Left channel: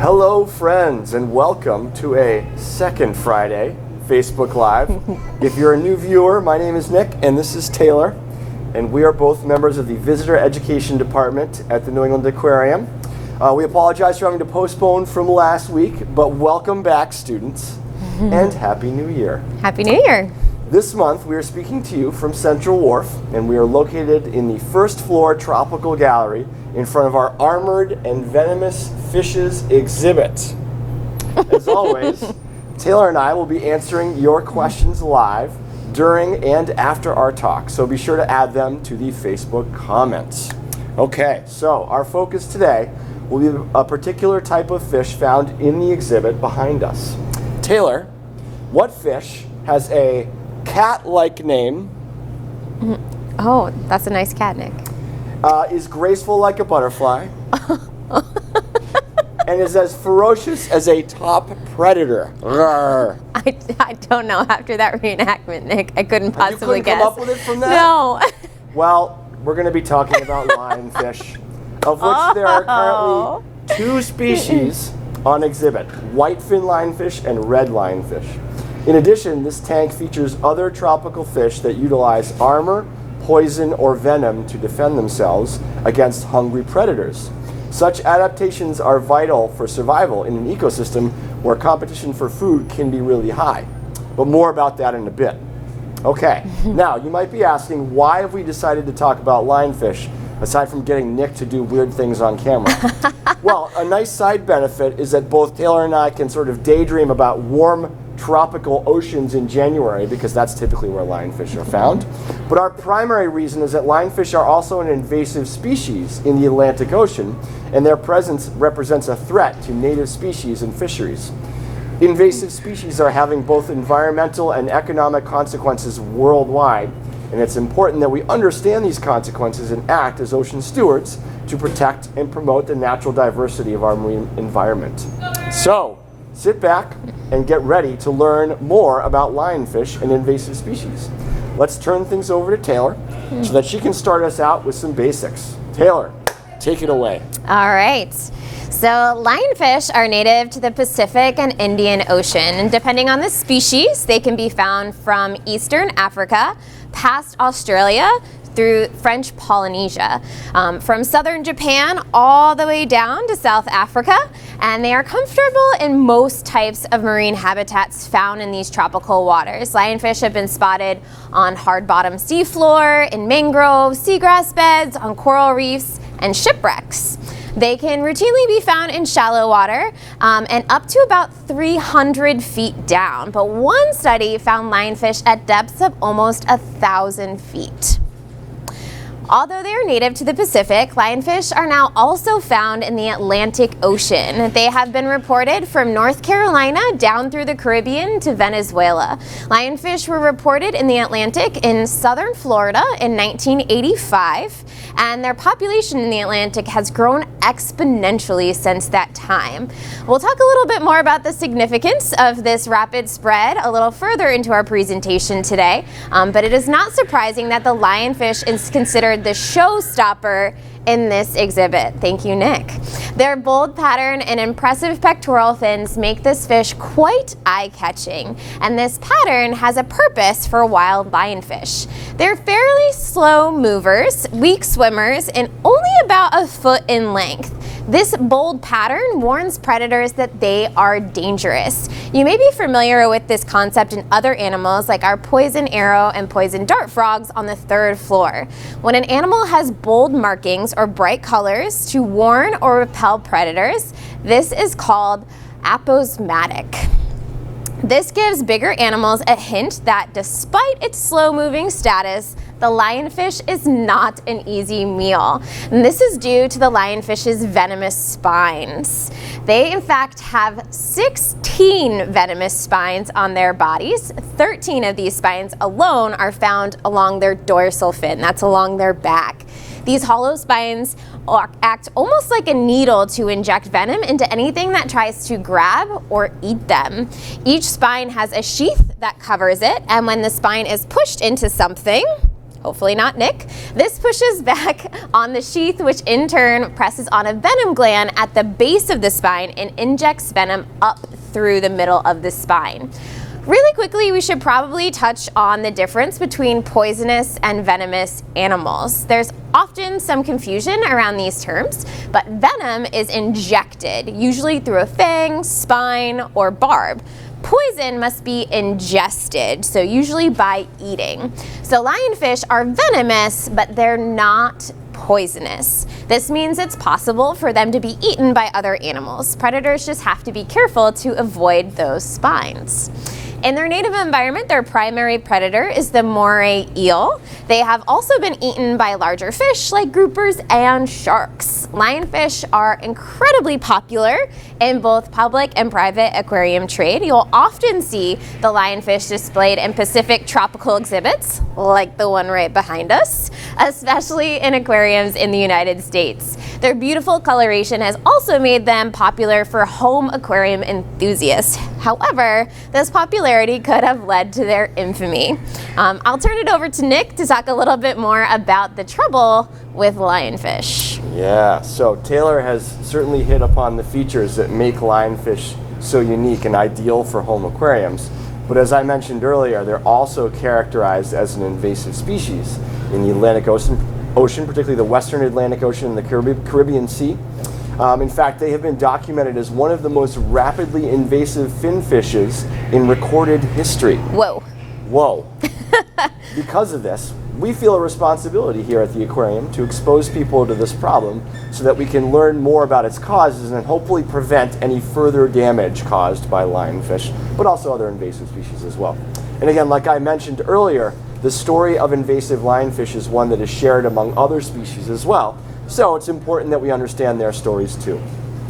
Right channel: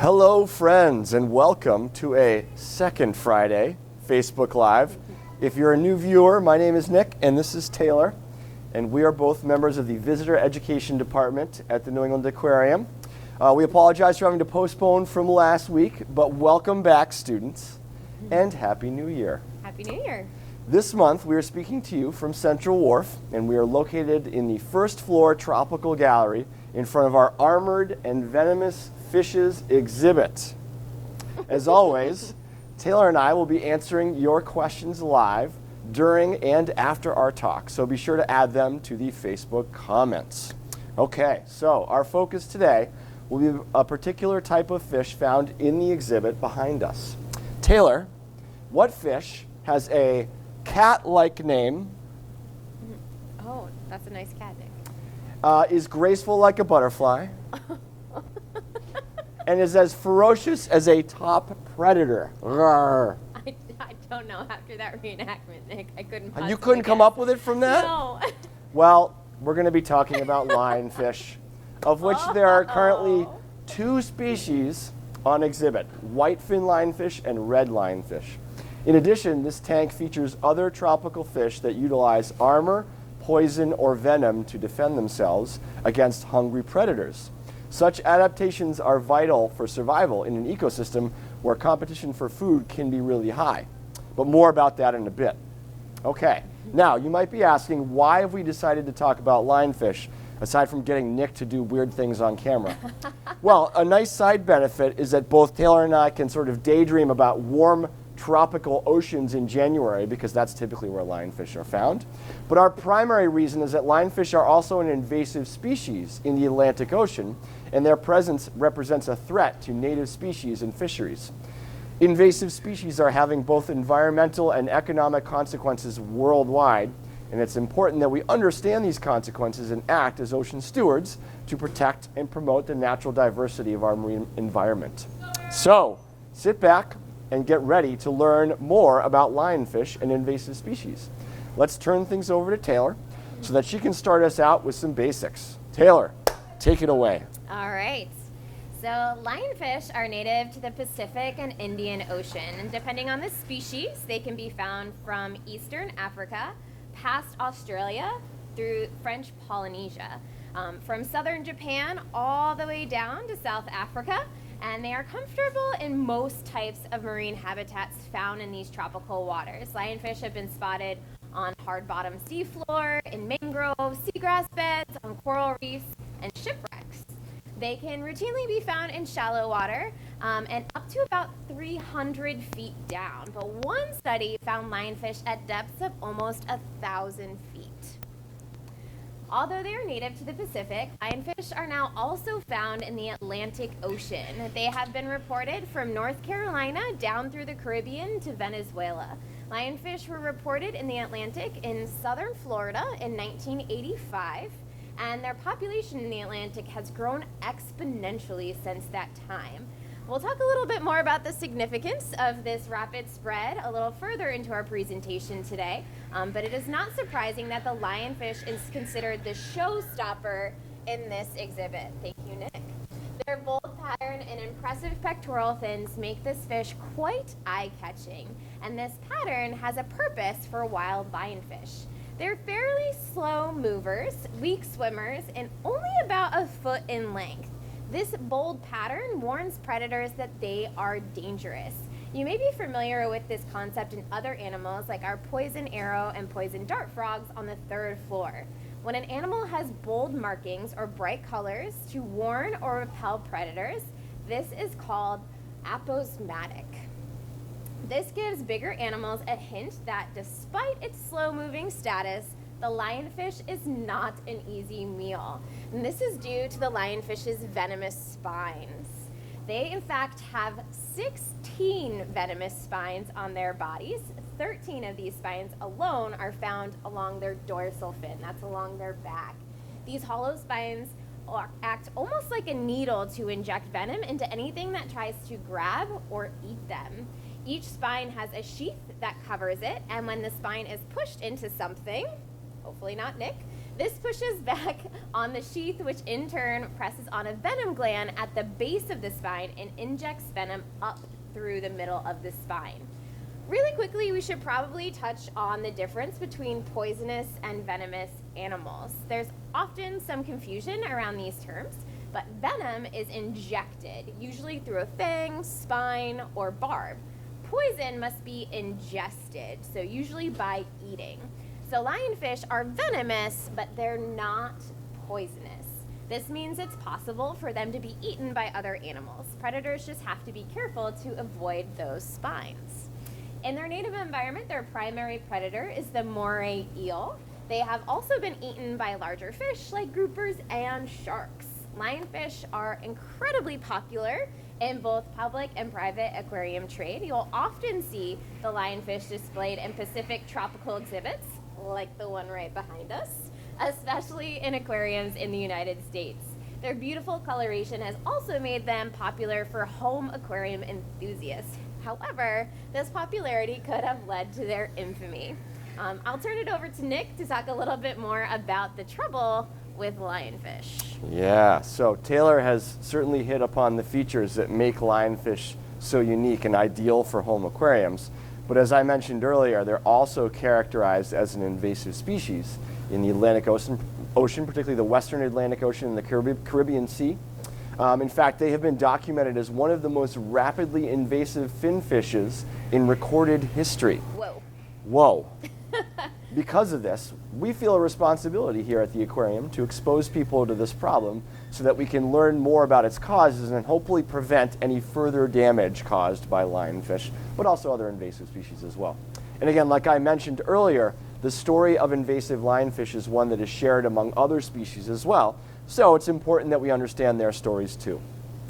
Hello, friends, and welcome to a second Friday Facebook Live. If you're a new viewer, my name is Nick, and this is Taylor, and we are both members of the Visitor Education Department at the New England Aquarium. We apologize for having to postpone from last week, but welcome back, students, and Happy New Year. Happy New Year. This month, we are speaking to you from Central Wharf, and we are located in the first floor tropical gallery in front of our Armored and Venomous Fishes exhibit. As always, Taylor and I will be answering your questions live during and after our talk, so be sure to add them to the Facebook comments. Okay, so our focus today will be a particular type of fish found in the exhibit behind us. Taylor, what fish has a cat-like name? Oh, that's a nice cat, Nick. Is graceful like a butterfly, and is as ferocious as a top predator. I don't know. After that reenactment, Nick, I couldn't possibly You couldn't guess. come up with it from that? No. Well, we're going to be talking about lionfish, of which there are currently 2 species on exhibit, whitefin lionfish and red lionfish. In addition, this tank features other tropical fish that utilize armor, poison, or venom to defend themselves against hungry predators. Such adaptations are vital for survival in an ecosystem where competition for food can be really high. But more about that in a bit. Okay, now you might be asking, why have we decided to talk about lionfish, aside from getting Nick to do weird things on camera? Well, a nice side benefit is that both Taylor and I can sort of daydream about warm tropical oceans in January, because that's typically where lionfish are found. But our primary reason is that lionfish are also an invasive species in the Atlantic Ocean, and their presence represents a threat to native species and fisheries. Invasive species are having both environmental and economic consequences worldwide, and it's important that we understand these consequences and act as ocean stewards to protect and promote the natural diversity of our marine environment. So, sit back and get ready to learn more about lionfish and invasive species. Let's turn things over to Taylor so that she can start us out with some basics. Taylor, take it away. All right. So lionfish are native to the Pacific and Indian Ocean, and depending on the species, they can be found from Eastern Africa, past Australia, through French Polynesia, from southern Japan all the way down to South Africa, and they are comfortable in most types of marine habitats found in these tropical waters. Lionfish have been spotted on hard-bottom seafloor, in mangroves, seagrass beds, on coral reefs, and shipwrecks. They can routinely be found in shallow water and up to about 300 feet down, but one study found lionfish at depths of almost 1,000 feet. Although they are native to the Pacific, lionfish are now also found in the Atlantic Ocean. They have been reported from North Carolina down through the Caribbean to Venezuela. Lionfish were reported in the Atlantic in southern Florida in 1985, and their population in the Atlantic has grown exponentially since that time. We'll talk a little bit more about the significance of this rapid spread a little further into our presentation today, but it is not surprising that the lionfish is considered the showstopper in this exhibit. Thank you, Nick. Their bold pattern and impressive pectoral fins make this fish quite eye-catching, and this pattern has a purpose for wild lionfish. They're fairly slow movers, weak swimmers, and only about a foot in length. This bold pattern warns predators that they are dangerous. You may be familiar with this concept in other animals like our poison arrow and poison dart frogs on the 3rd floor. When an animal has bold markings or bright colors to warn or repel predators, this is called aposematic. This gives bigger animals a hint that despite its slow-moving status, the lionfish is not an easy meal. And this is due to the lionfish's venomous spines. They, in fact, have 16 venomous spines on their bodies. 13 of these spines alone are found along their dorsal fin, that's along their back. These hollow spines act almost like a needle to inject venom into anything that tries to grab or eat them. Each spine has a sheath that covers it, and when the spine is pushed into something, hopefully not Nick. This pushes back on the sheath, which in turn presses on a venom gland at the base of the spine and injects venom up through the middle of the spine. Really quickly, we should probably touch on the difference between poisonous and venomous animals. There's often some confusion around these terms, but venom is injected, usually through a fang, spine, or barb. Poison must be ingested, so usually by eating. So lionfish are venomous, but they're not poisonous. This means it's possible for them to be eaten by other animals. Predators just have to be careful to avoid those spines. In their native environment, their primary predator is the moray eel. They have also been eaten by larger fish like groupers and sharks. Lionfish are incredibly popular in both public and private aquarium trade. You'll often see the lionfish displayed in Pacific tropical exhibits, like the one right behind us, especially in aquariums in the United States. Their beautiful coloration has also made them popular for home aquarium enthusiasts. However, this popularity could have led to their infamy. I'll turn it over to Nick to talk a little bit more about the trouble with lionfish. Yeah, so Taylor has certainly hit upon the features that make lionfish so unique and ideal for home aquariums. But as I mentioned earlier, they're also characterized as an invasive species in the Atlantic Ocean, particularly the Western Atlantic Ocean and the Caribbean Sea. In fact, they have been documented as one of the most rapidly invasive fin fishes in recorded history. Whoa. Whoa. Because of this, we feel a responsibility here at the aquarium to expose people to this problem so that we can learn more about its causes and hopefully prevent any further damage caused by lionfish, but also other invasive species as well. And again, like I mentioned earlier, the story of invasive lionfish is one that is shared among other species as well. So it's important that we understand their stories too.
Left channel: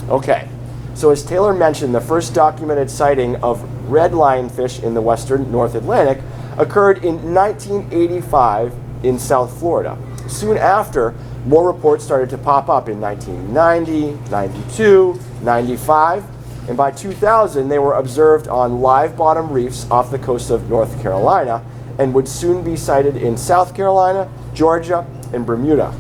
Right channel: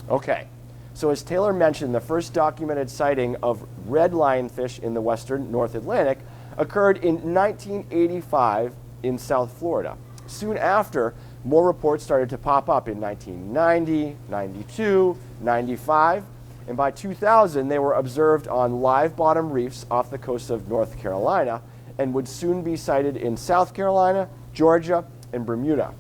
Okay, so as Taylor mentioned, the first documented sighting of red lionfish in the western North Atlantic occurred in 1985 in South Florida. Soon after, more reports started to pop up in 1990, 92, 95, and by 2000 they were observed on live bottom reefs off the coast of North Carolina and would soon be sighted in South Carolina, Georgia, and Bermuda.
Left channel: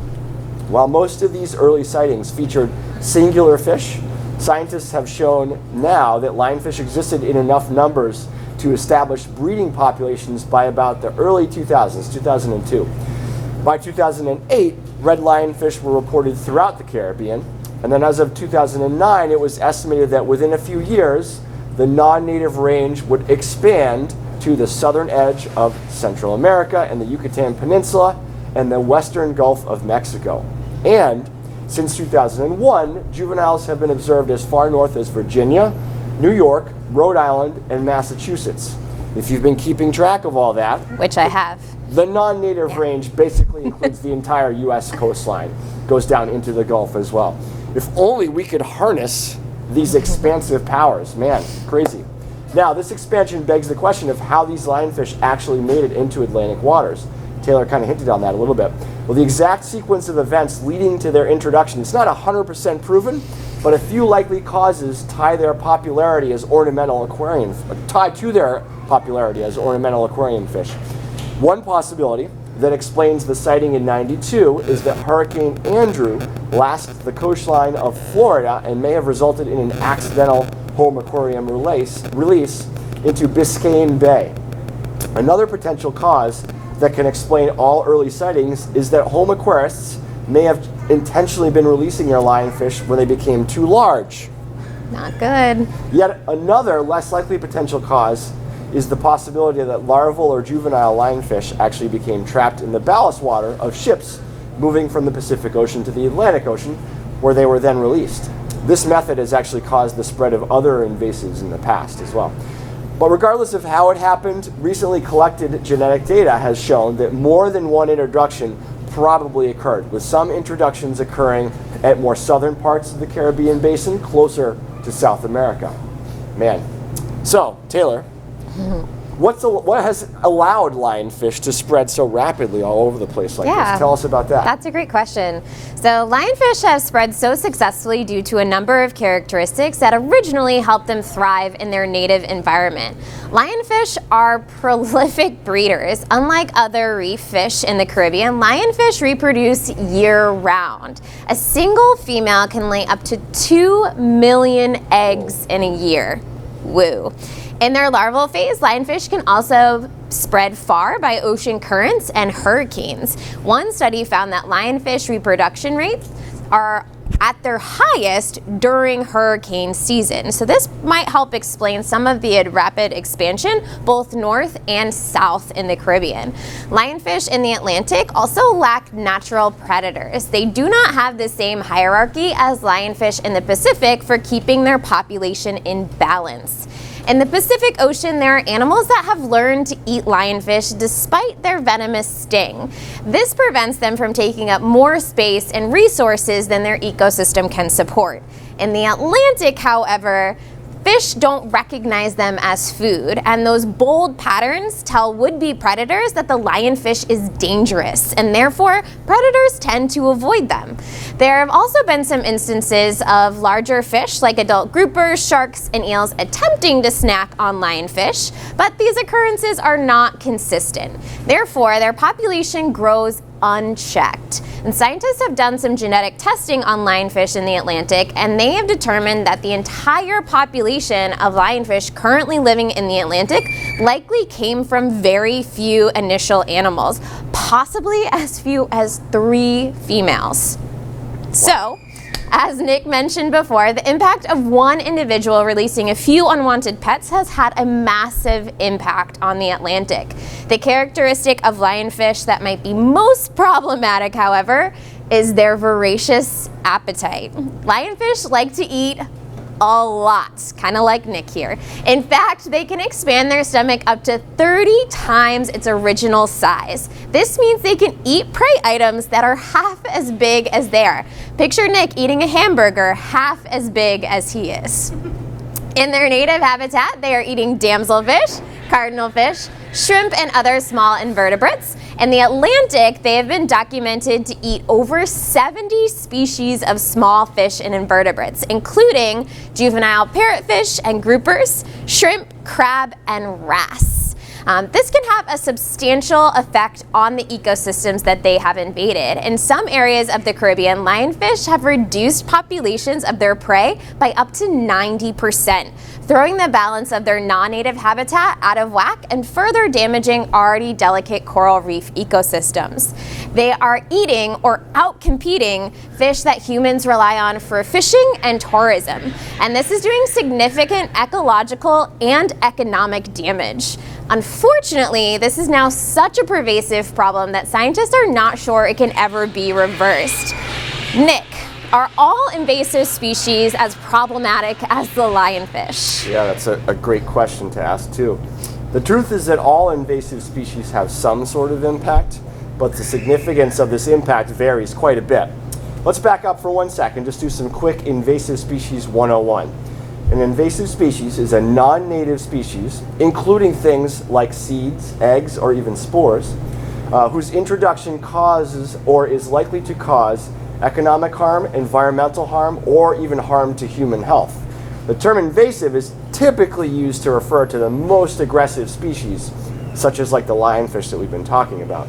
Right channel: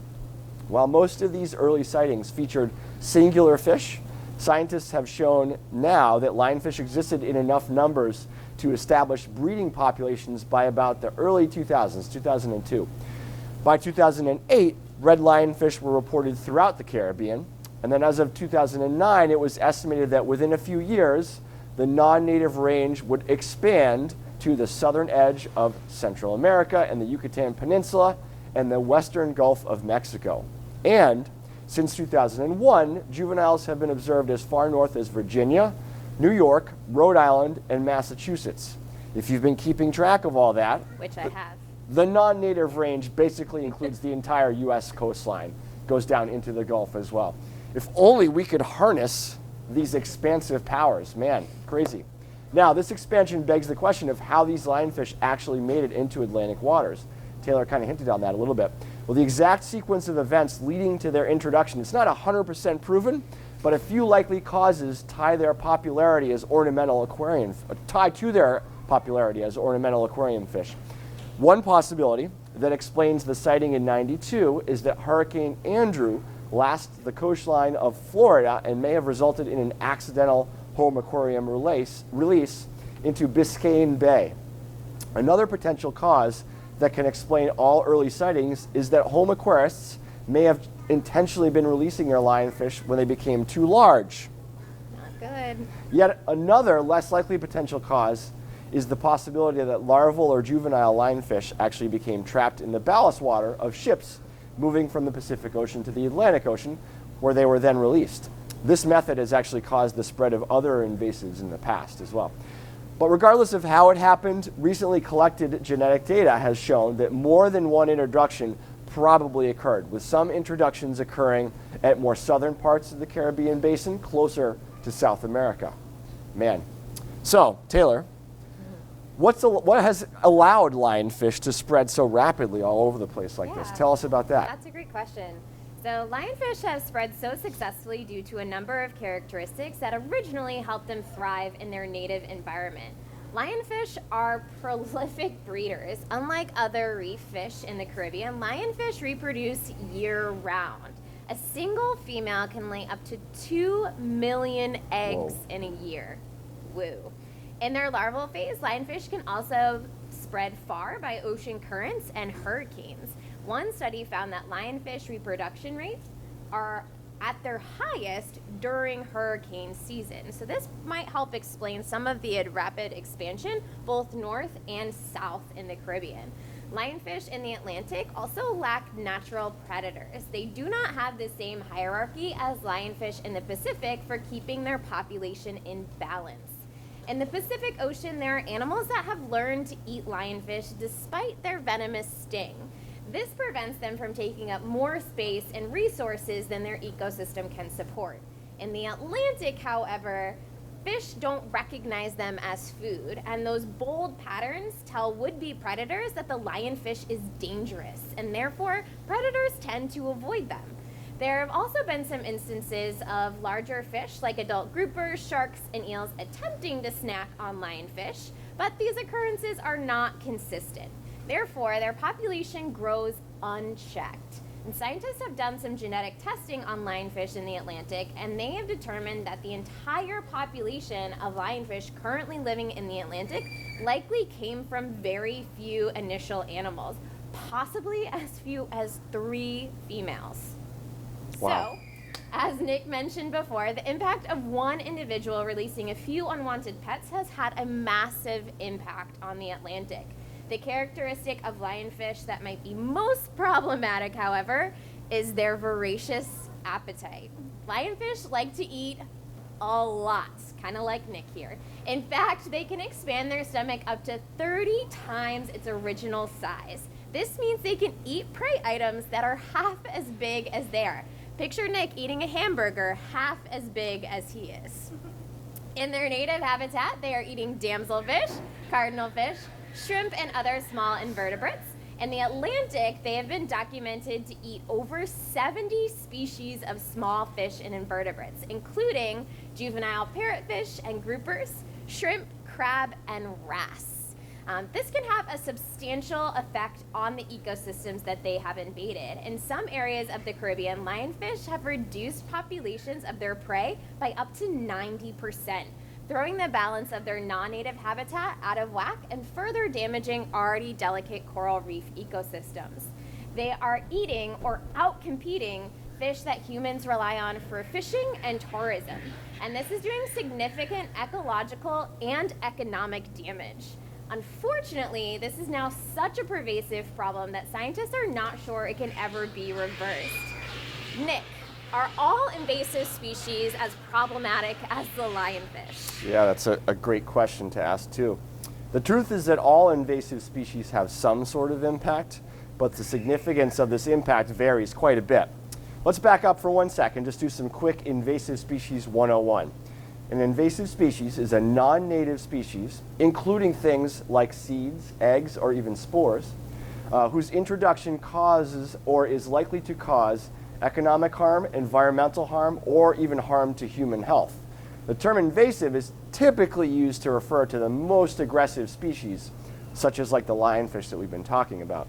While most of these early sightings featured singular fish, scientists have shown now that lionfish existed in enough numbers to establish breeding populations by about the early 2000s, 2002. By 2008, red lionfish were reported throughout the Caribbean, and then as of 2009, it was estimated that within a few years, the non-native range would expand to the southern edge of Central America and the Yucatan Peninsula and the western Gulf of Mexico. And since 2001, juveniles have been observed as far north as Virginia, New York, Rhode Island, and Massachusetts. If you've been keeping track of all that, Which I have. the non-native range basically includes the entire U.S. coastline, goes down into the Gulf as well. If only we could harness these expansive powers. Man, crazy. Now, this expansion begs the question of how these lionfish actually made it into Atlantic waters. Taylor kind of hinted on that a little bit. Well, the exact sequence of events leading to their introduction is not 100% proven, but a few likely causes tie to their popularity as ornamental aquarium fish. One possibility that explains the sighting in 92 is that Hurricane Andrew lashed the coastline of Florida and may have resulted in an accidental home aquarium release into Biscayne Bay. Another potential cause that can explain all early sightings is that home aquarists may have intentionally been releasing their lionfish when they became too large. Not good. Yet another less likely potential cause is the possibility that larval or juvenile lionfish actually became trapped in the ballast water of ships moving from the Pacific Ocean to the Atlantic Ocean, where they were then released. This method has actually caused the spread of other invasives in the past as well. But regardless of how it happened, recently collected genetic data has shown that more than one introduction probably occurred, with some introductions occurring at more southern parts of the Caribbean basin, closer to South America. Man. So, Taylor, What has allowed lionfish to spread so rapidly all over the place like Yeah. this? Tell us about that. That's a great question. So lionfish have spread so successfully due to a number of characteristics that originally helped them thrive in their native environment. Lionfish are prolific breeders. Unlike other reef fish in the Caribbean, lionfish reproduce year-round. A single female can lay up to 2 million eggs in a year. Woo. In their larval phase, lionfish can also spread far by ocean currents and hurricanes. One study found that lionfish reproduction rates are at their highest during hurricane season. So this might help explain some of the rapid expansion both north and south in the Caribbean. Lionfish in the Atlantic also lack natural predators. They do not have the same hierarchy as lionfish in the Pacific for keeping their population in balance. In the Pacific Ocean, there are animals that have learned to eat lionfish despite their venomous sting. This prevents them from taking up more space and resources than their ecosystem can support. In the Atlantic, however, fish don't recognize them as food, and those bold patterns tell would-be predators that the lionfish is dangerous, and therefore predators tend to avoid them. There have also been some instances of larger fish like adult groupers, sharks, and eels attempting to snack on lionfish, but these occurrences are not consistent. Therefore, their population grows unchecked. And scientists have done some genetic testing on lionfish in the Atlantic, and they have determined that the entire population of lionfish currently living in the Atlantic likely came from very few initial animals, possibly as few as 3 females. So, as Nick mentioned before, the impact of one individual releasing a few unwanted pets has had a massive impact on the Atlantic. The characteristic of lionfish that might be most problematic, however, is their voracious appetite. Lionfish like to eat a lot, kind of like Nick here. In fact, they can expand their stomach up to 30 times its original size. This means they can eat prey items that are half as big as they are. Picture Nick eating a hamburger half as big as he is. In their native habitat, they are eating damselfish, cardinalfish, shrimp, and other small invertebrates. In the Atlantic, they have been documented to eat over 70 species of small fish and invertebrates, including juvenile parrotfish and groupers, shrimp, crab, and wrasse. This can have a substantial effect on the ecosystems that they have invaded. In some areas of the Caribbean, lionfish have reduced populations of their prey by up to 90%, throwing the balance of their non-native habitat out of whack and further damaging already delicate coral reef ecosystems. They are eating or out-competing fish that humans rely on for fishing and tourism, and this is doing significant ecological and economic damage. Unfortunately, this is now such a pervasive problem that scientists are not sure it can ever be reversed. Nick, are all invasive species as problematic as the lionfish? Yeah, that's a great question to ask too. The truth is that all invasive species have some sort of impact, but the significance of this impact varies quite a bit. Let's back up for 1 second, just do some quick invasive species 101. An invasive species is a non-native species, including things like seeds, eggs, or even spores, whose introduction causes or is likely to cause economic harm, environmental harm, or even harm to human health. The term invasive is typically used to refer to the most aggressive species, such as like the lionfish that we've been talking about.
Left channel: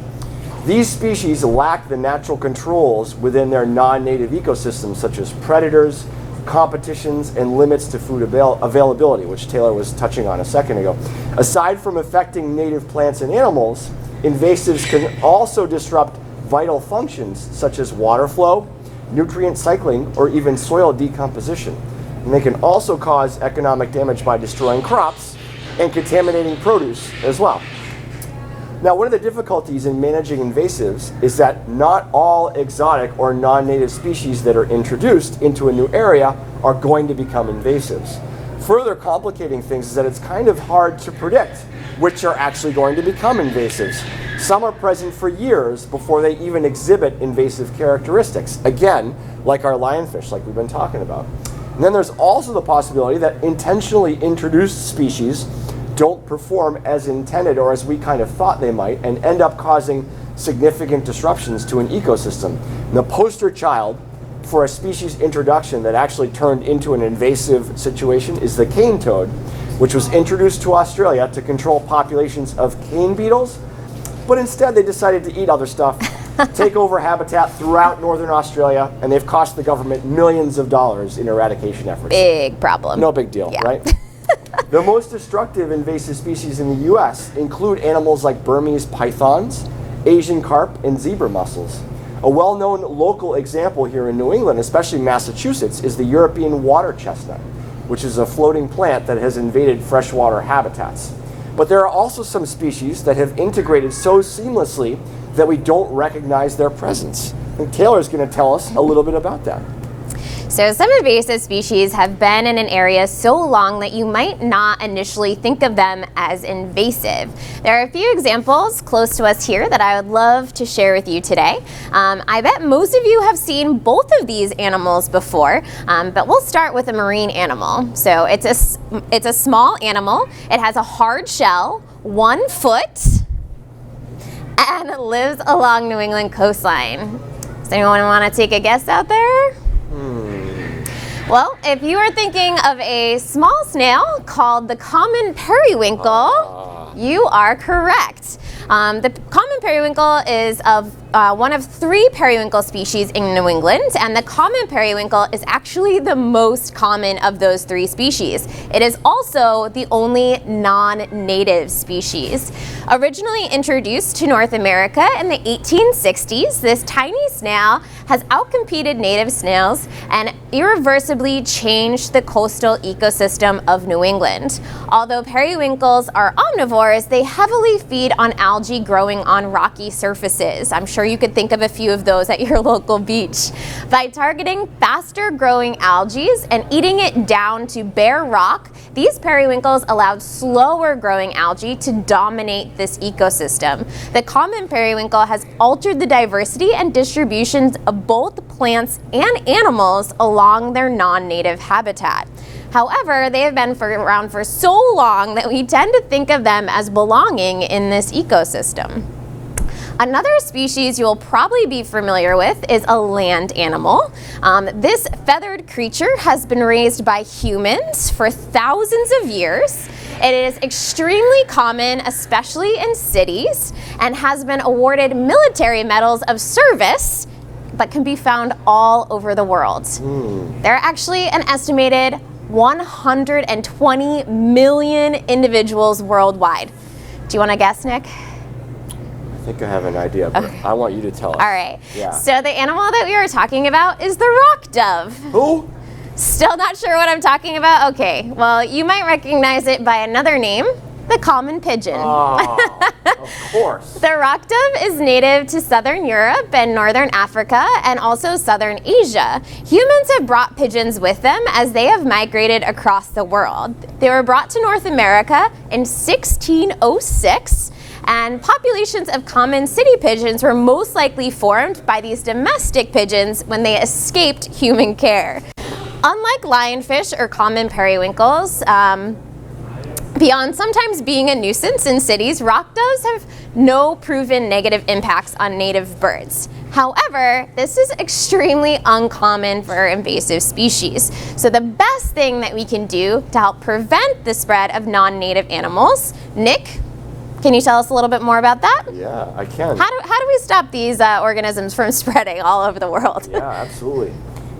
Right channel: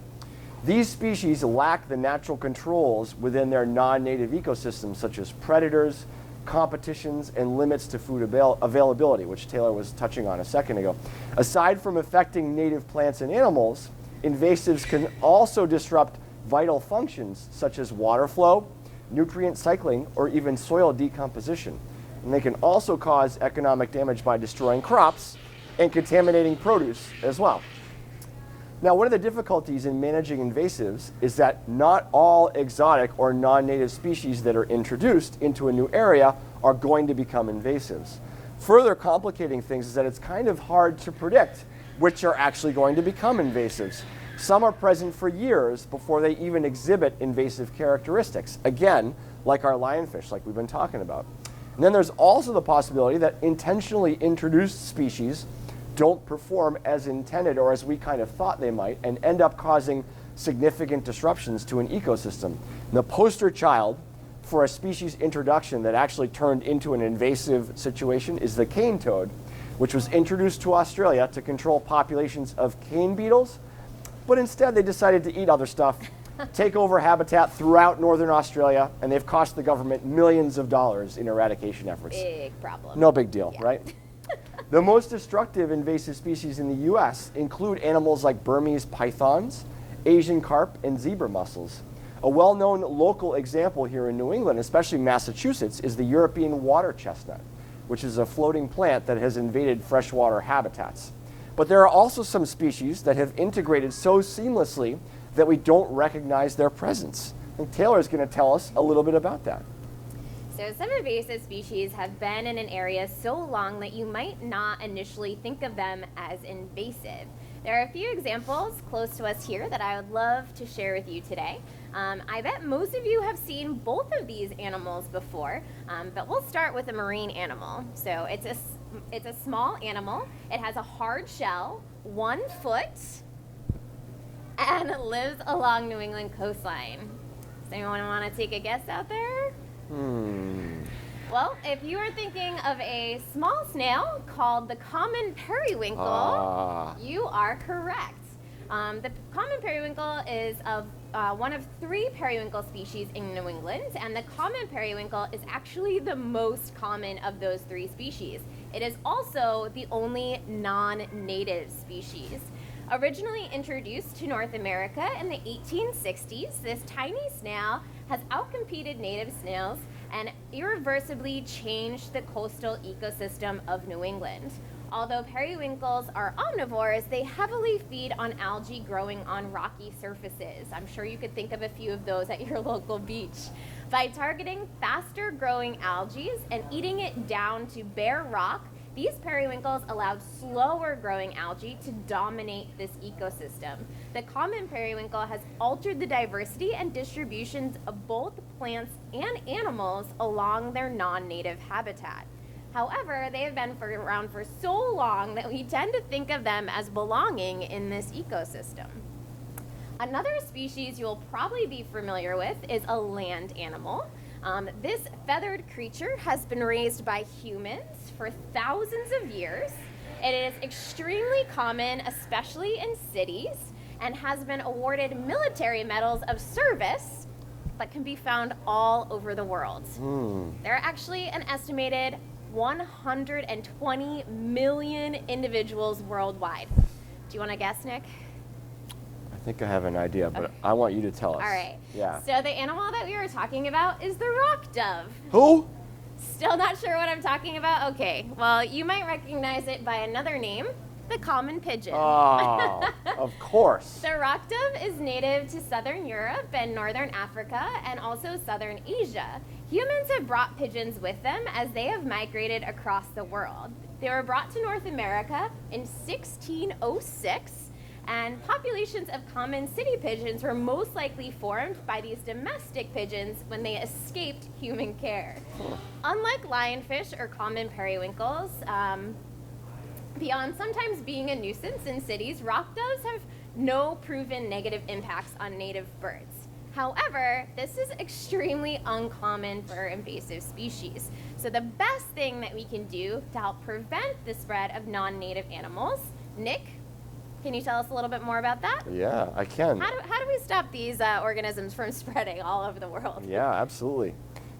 These species lack the natural controls within their non-native ecosystems, such as predators, competitions, and limits to food availability, which Taylor was touching on a second ago. Aside from affecting native plants and animals, invasives can also disrupt vital functions such as water flow, nutrient cycling, or even soil decomposition. And they can also cause economic damage by destroying crops and contaminating produce as well. Now, one of the difficulties in managing invasives is that not all exotic or non-native species that are introduced into a new area are going to become invasives. Further complicating things is that it's kind of hard to predict which are actually going to become invasives. Some are present for years before they even exhibit invasive characteristics, again, like our lionfish, like we've been talking about. And then there's also the possibility that intentionally introduced species don't perform as intended or as we kind of thought they might, and end up causing significant disruptions to an ecosystem. And the poster child for a species introduction that actually turned into an invasive situation is the cane toad, which was introduced to Australia to control populations of cane beetles, but instead they decided to eat other stuff, take over habitat throughout northern Australia, and they've cost the government millions of dollars in eradication efforts. Big problem. No big deal, Yeah. right? The most destructive invasive species in the U.S. include animals like Burmese pythons, Asian carp, and zebra mussels. A well-known local example here in New England, especially Massachusetts, is the European water chestnut, which is a floating plant that has invaded freshwater habitats. But there are also some species that have integrated so seamlessly that we don't recognize their presence. And Taylor's going to tell us a little bit about that. So some invasive species have been in an area so long that you might not initially think of them as invasive. There are a few examples close to us here that I would love to share with you today. I bet most of you have seen both of these animals before, but we'll start with a marine animal. So it's a small animal. It has a hard shell, 1 foot, and lives along New England coastline. Does anyone want to take a guess out there? Well, if you are thinking of a small snail called the common periwinkle, you are correct. The common periwinkle is one of 3 periwinkle species in New England, and the common periwinkle is actually the most common of those 3 species. It is also the only non-native species. Originally introduced to North America in the 1860s, this tiny snail has outcompeted native snails and irreversibly changed the coastal ecosystem of New England. Although periwinkles are omnivores, they heavily feed on algae growing on rocky surfaces. I'm sure you could think of a few of those at your local beach. By targeting faster growing algae and eating it down to bare rock, these periwinkles allowed slower growing algae to dominate this ecosystem. The common periwinkle has altered the diversity and distributions of both plants and animals along their non-native habitat. However, they have been around for so long that we tend to think of them as belonging in this ecosystem. Another species you'll probably be familiar with is a land animal. This feathered creature has been raised by humans for thousands of years. It is extremely common, especially in cities, and has been awarded military medals of service, but can be found all over the world. There are actually an estimated 120 million individuals worldwide. Do you want to guess, Nick? I think I have an idea, but I want you to tell us. All right. Yeah. So the animal that we were talking about is the rock dove. Who? Still not sure what I'm talking about? Okay. Well, you might recognize it by another name, the common pigeon. Oh, of course. The rock dove is native to southern Europe and northern Africa and also southern Asia. Humans have brought pigeons with them as they have migrated across the world. They were brought to North America in 1606. And populations of common city pigeons were most likely formed by these domestic pigeons when they escaped human care. Unlike lionfish or common periwinkles, beyond sometimes being a nuisance in cities, rock doves have no proven negative impacts on native birds. However, this is extremely uncommon for invasive species. So the best thing that we can do to help prevent the spread of non-native animals, Nick, can you tell us a little bit more about that? Yeah, I can. How do we stop these organisms from spreading all over the world? Yeah, absolutely.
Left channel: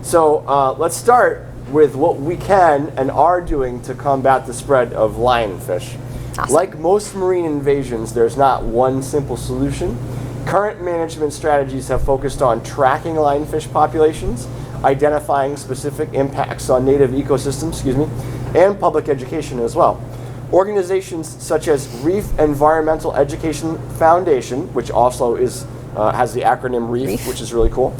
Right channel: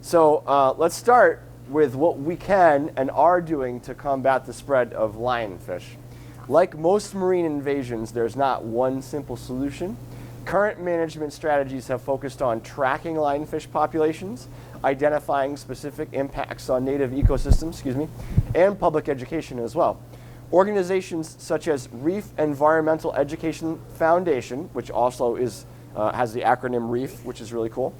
So let's start with what we can and are doing to combat the spread of lionfish. Awesome. Like most marine invasions, there's not one simple solution. Current management strategies have focused on tracking lionfish populations, identifying specific impacts on native ecosystems, and public education as well. Organizations such as Reef Environmental Education Foundation, which also has the acronym REEF, which is really cool.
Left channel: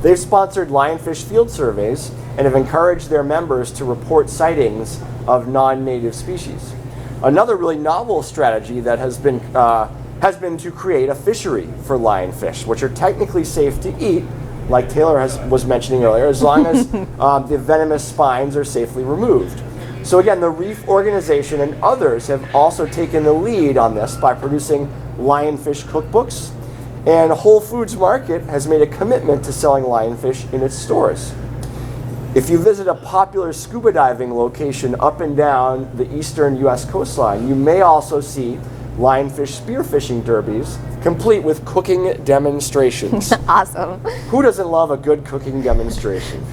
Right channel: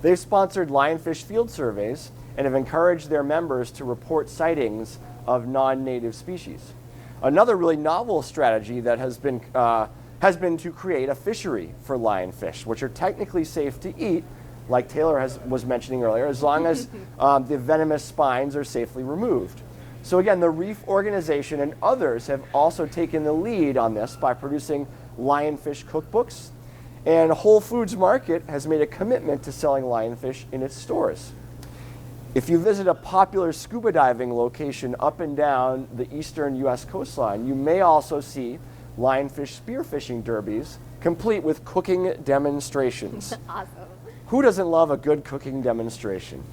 They've sponsored lionfish field surveys and have encouraged their members to report sightings of non-native species. Another really novel strategy that has been to create a fishery for lionfish, which are technically safe to eat, like Taylor was mentioning earlier, as long as the venomous spines are safely removed. So again, the Reef Organization and others have also taken the lead on this by producing lionfish cookbooks, and Whole Foods Market has made a commitment to selling lionfish in its stores. If you visit a popular scuba diving location up and down the eastern U.S. coastline, you may also see lionfish spearfishing derbies, complete with cooking demonstrations. Awesome. Who doesn't love a good cooking demonstration?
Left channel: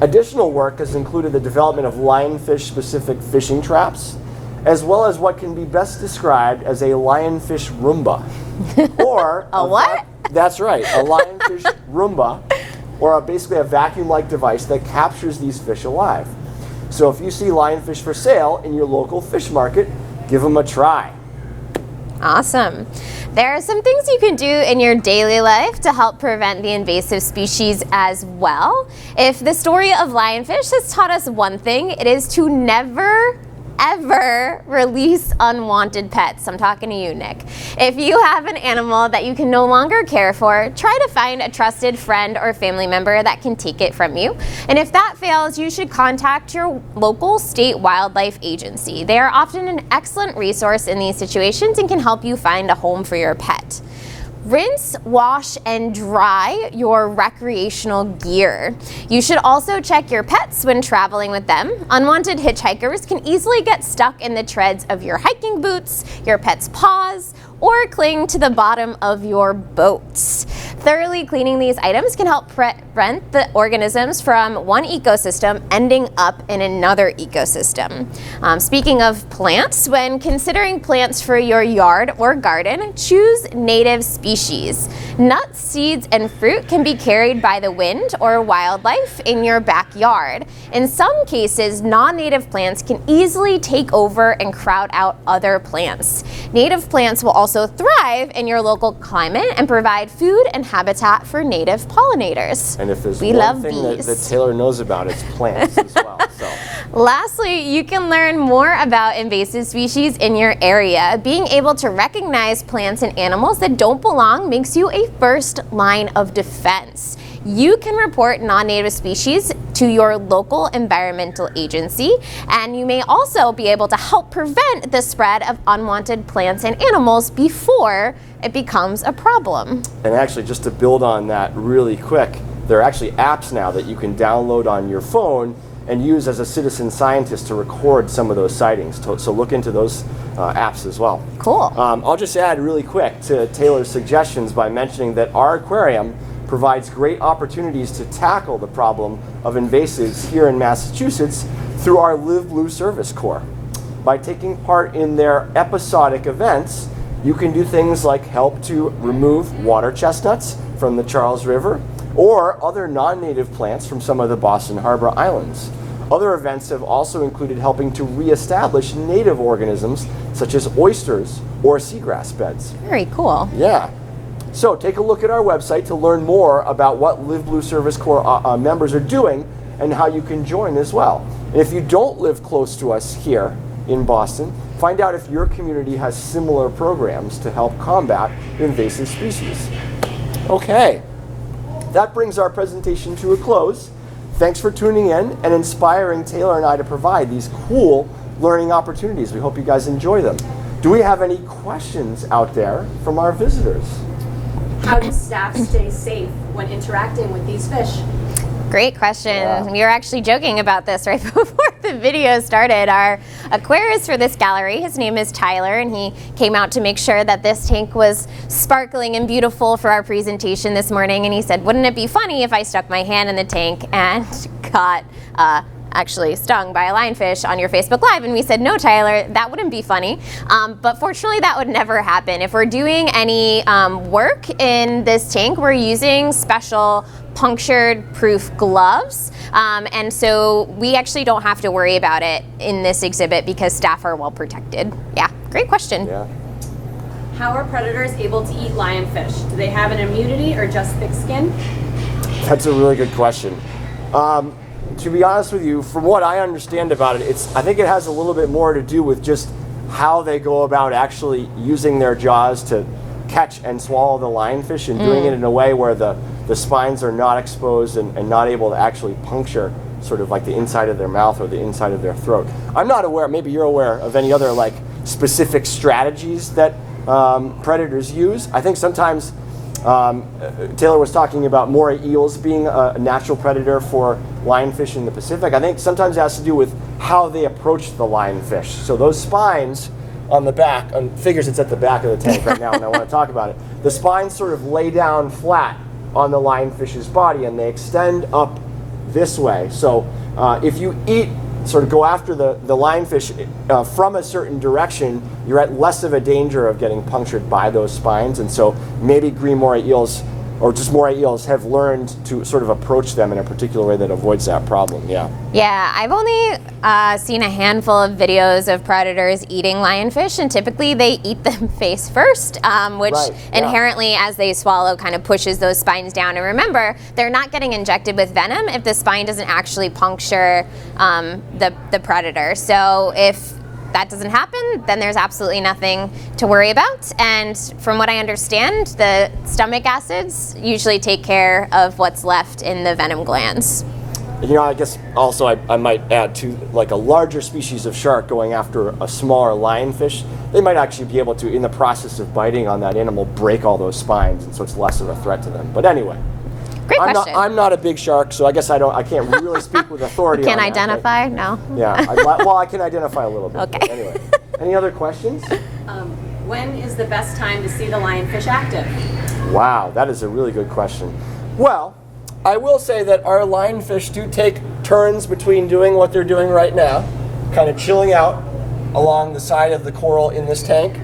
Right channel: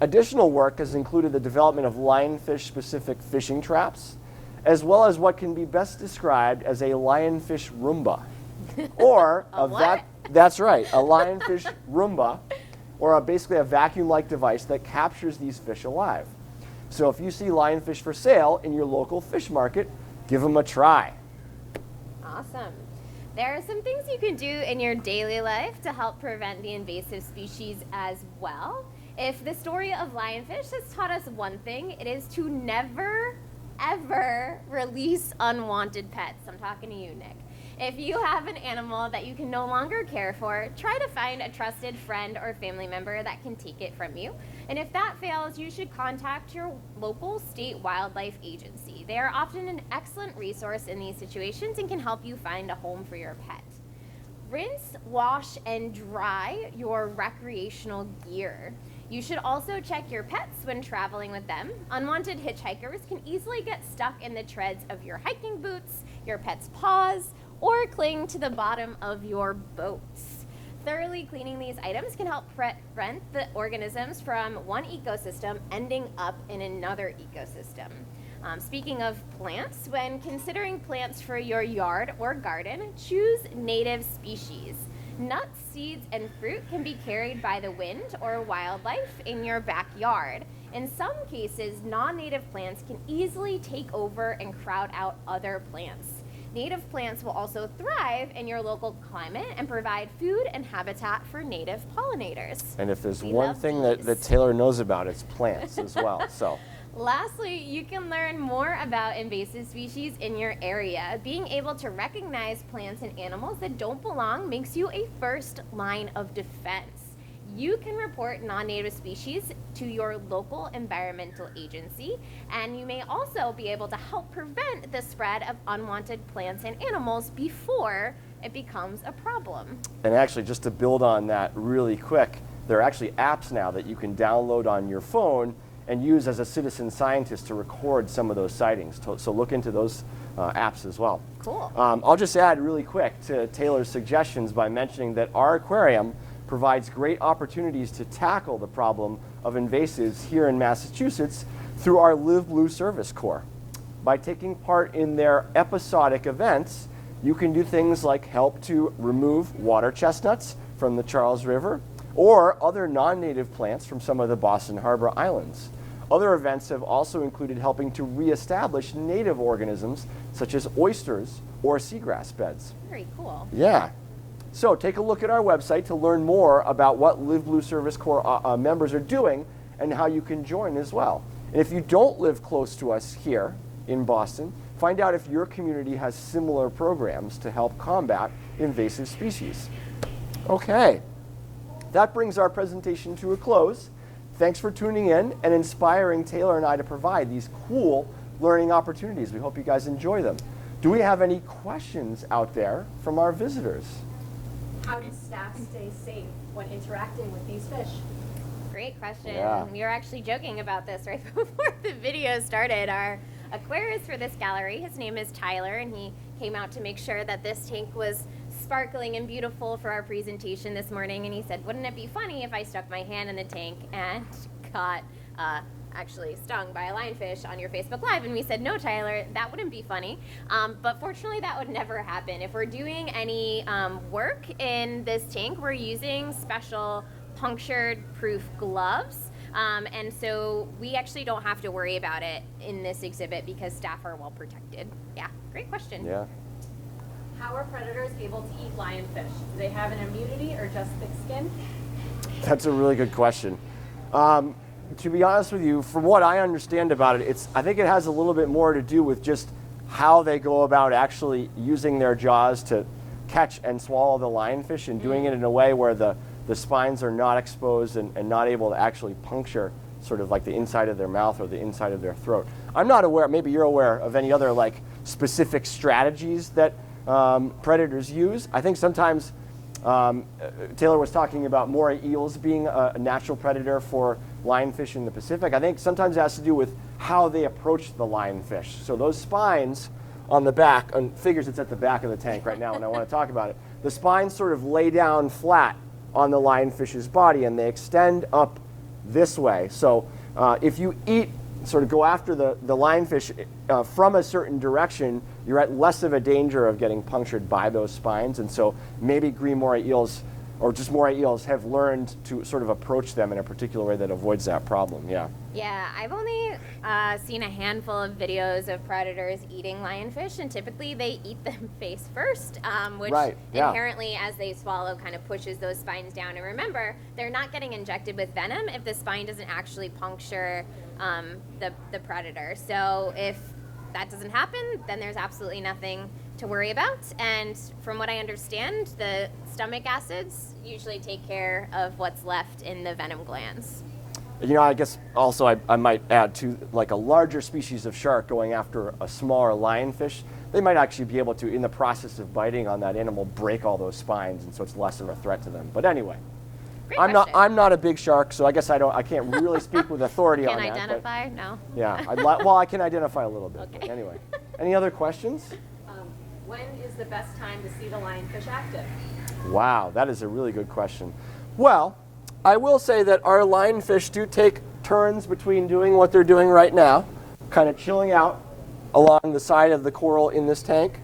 Additional work has included the development of lionfish-specific fishing traps, as well as what can be best described as a lionfish Roomba. Or A what? That's right, a lionfish Roomba, or basically a vacuum-like device that captures these fish alive. So if you see lionfish for sale in your local fish market, give them a try. Awesome. There are some things you can do in your daily life to help prevent the invasive species as well. If the story of lionfish has taught us one thing, it is to never, ever release unwanted pets. I'm talking to you, Nick. If you have an animal that you can no longer care for, try to find a trusted friend or family member that can take it from you. And if that fails, you should contact your local state wildlife agency. They are often an excellent resource in these situations and can help you find a home for your pet. Rinse, wash, and dry your recreational gear. You should also check your pets when traveling with them. Unwanted hitchhikers can easily get stuck in the treads of your hiking boots, your pet's paws, or cling to the bottom of your boats. Thoroughly cleaning these items can help prevent the organisms from one ecosystem ending up in another ecosystem. Speaking of plants, when considering plants for your yard or garden, choose native species. Nuts, seeds, and fruit can be carried by the wind or wildlife in your backyard. In some cases, non-native plants can easily take over and crowd out other plants. Native plants will also thrive in your local climate and provide food and habitat for native pollinators. And if there's We one love thing bees. that Taylor knows about, it's plants as well. So. Lastly, you can learn more about invasive species in your area. Being able to recognize plants and animals that don't belong makes you a first line of defense. You can report non-native species to your local environmental agency, and you may also be able to help prevent the spread of unwanted plants and animals before it becomes a problem. And actually, just to build on that really quick, there are actually apps now that you can download on your phone and use as a citizen scientist to record some of those sightings. So look into those apps as well. Cool. I'll just add really quick to Taylor's suggestions by mentioning that our aquarium provides great opportunities to tackle the problem of invasives here in Massachusetts through our Live Blue Service Corps. By taking part in their episodic events, you can do things like help to remove water chestnuts from the Charles River or other non-native plants from some of the Boston Harbor Islands. Other events have also included helping to reestablish native organisms such as oysters or seagrass beds. Very cool. Yeah. So take a look at our website to learn more about what Live Blue Service Corps members are doing and how you can join as well. And if you don't live close to us here in Boston, find out if your community has similar programs to help combat invasive species. Okay, that brings our presentation to a close. Thanks for tuning in and inspiring Taylor and I to provide these cool learning opportunities. We hope you guys enjoy them. Do we have any questions out there from our visitors? How do staff stay safe when interacting with these fish? Great question. Yeah. We were actually joking about this right before the video started. Our aquarist for this gallery, his name is Tyler, and he came out to make sure that this tank was sparkling and beautiful for our presentation this morning. And he said, wouldn't it be funny if I stuck my hand in the tank and got actually stung by a lionfish on your Facebook Live? And we said, no, Tyler, that wouldn't be funny. But fortunately, that would never happen. If we're doing any work in this tank, we're using special punctured proof gloves. And so we actually don't have to worry about it in this exhibit because staff are well protected. Yeah, great question. Yeah. How are predators able to eat lionfish? Do they have an immunity or just thick skin? That's a really good question. To be honest with you, from what I understand about it, I think it has a little bit more to do with just how they go about actually using their jaws to catch and swallow the lionfish and doing it in a way where the spines are not exposed and not able to actually puncture sort of like the inside of their mouth or the inside of their throat. I'm not aware, maybe you're aware of any other like specific strategies that predators use. I think sometimes Taylor was talking about moray eels being a natural predator for lionfish in the Pacific. I think sometimes it has to do with how they approach the lionfish. So those spines on the back, figures it's at the back of the tank right now and I want to talk about it. The spines sort of lay down flat on the lionfish's body and they extend up this way. So if you sort of go after the lionfish from a certain direction, you're at less of a danger of getting punctured by those spines. And so maybe green moray eels, or just moray eels, have learned to sort of approach them in a particular way that avoids that problem. Yeah. Yeah, I've only seen a handful of videos of predators eating lionfish, and typically they eat them face first, which inherently, as they swallow, kind of pushes those spines down. And remember, they're not getting injected with venom if the spine doesn't actually puncture the predator. So if that doesn't happen, then there's absolutely nothing to worry about. And from what I understand, the stomach acids usually take care of what's left in the venom glands. You know, I guess also I might add to, like a larger species of shark going after a smaller lionfish, they might actually be able to, in the process of biting on that animal, break all those spines, and so it's less of a threat to them. But anyway. Great question. I'm not a big shark, so I guess I can't really speak with authority on Can that, identify? No. Yeah, I can identify a little bit. Okay. But anyway, any other questions? When is the best time to see the lionfish active? Wow, that is a really good question. Well, I will say that our lionfish do take turns between doing what they're doing right now, kind of chilling out along the side of the coral in this tank,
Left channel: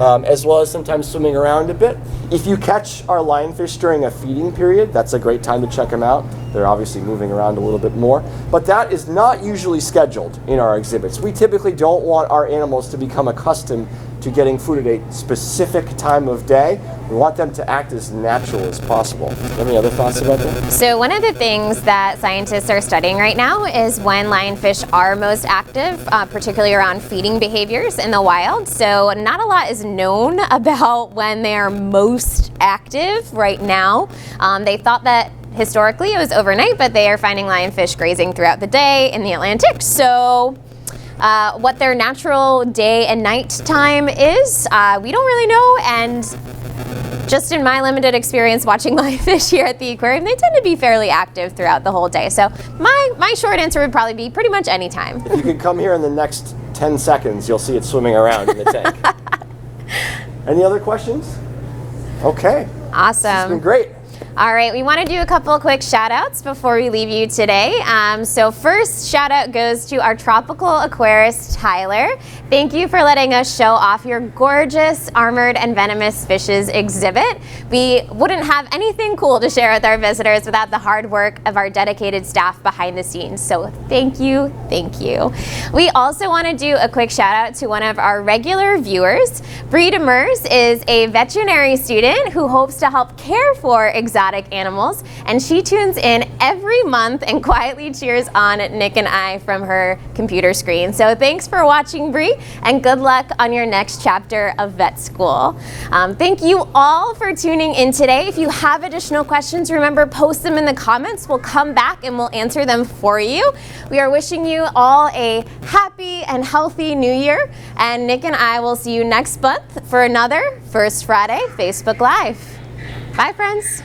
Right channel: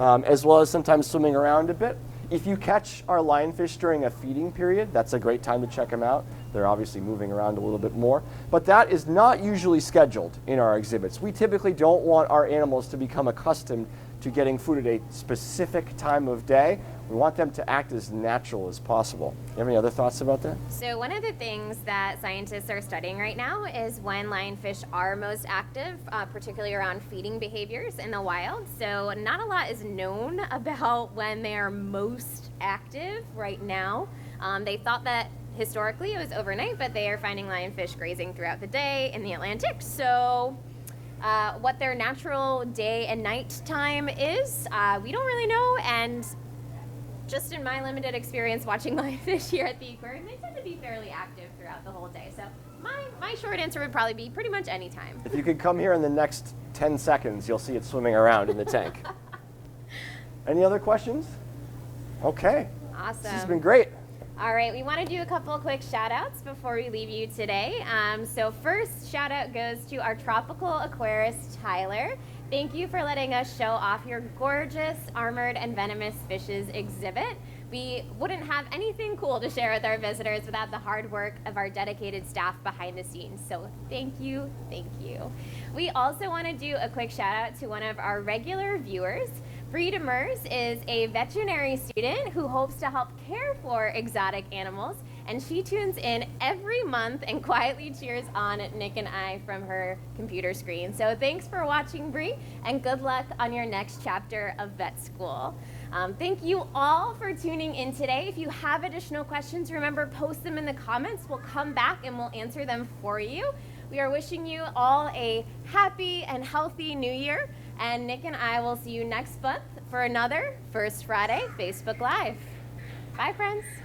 as well as sometimes swimming around a bit. If you catch our lionfish during a feeding period, that's a great time to check them out. They're obviously moving around a little bit more, but that is not usually scheduled in our exhibits. We typically don't want our animals to become accustomed to getting food at a specific time of day. We want them to act as natural as possible. Any other thoughts about that? So one of the things that scientists are studying right now is when lionfish are most active, particularly around feeding behaviors in the wild. So not a lot is known about when they are most active right now. They thought that historically it was overnight, but they are finding lionfish grazing throughout the day in the Atlantic. So what their natural day and night time is, we don't really know. And just in my limited experience watching lionfish here at the aquarium, they tend to be fairly active throughout the whole day. So my short answer would probably be pretty much any time. If you could come here in the next 10 seconds, you'll see it swimming around in the tank. Any other questions? Okay. Awesome. This has been great. All right, we want to do a couple of quick shout outs before we leave you today. So first shout out goes to our tropical aquarist, Tyler. Thank you for letting us show off your gorgeous armored and venomous fishes exhibit. We wouldn't have anything cool to share with our visitors without the hard work of our dedicated staff behind the scenes. So thank you, thank you. We also want to do a quick shout out to one of our regular viewers. Bree Demers is a veterinary student who hopes to help care for exotic animals, and she tunes in every month and quietly cheers on Nick and I from her computer screen. So thanks for watching, Bree, and good luck on your next chapter of vet school. Thank you all for tuning in today. If you have additional questions, remember, post them in the comments. We'll come back and we'll answer them for you. We are wishing you all a happy and healthy new year, and Nick and I will see you next month for another First Friday Facebook Live. Bye, friends.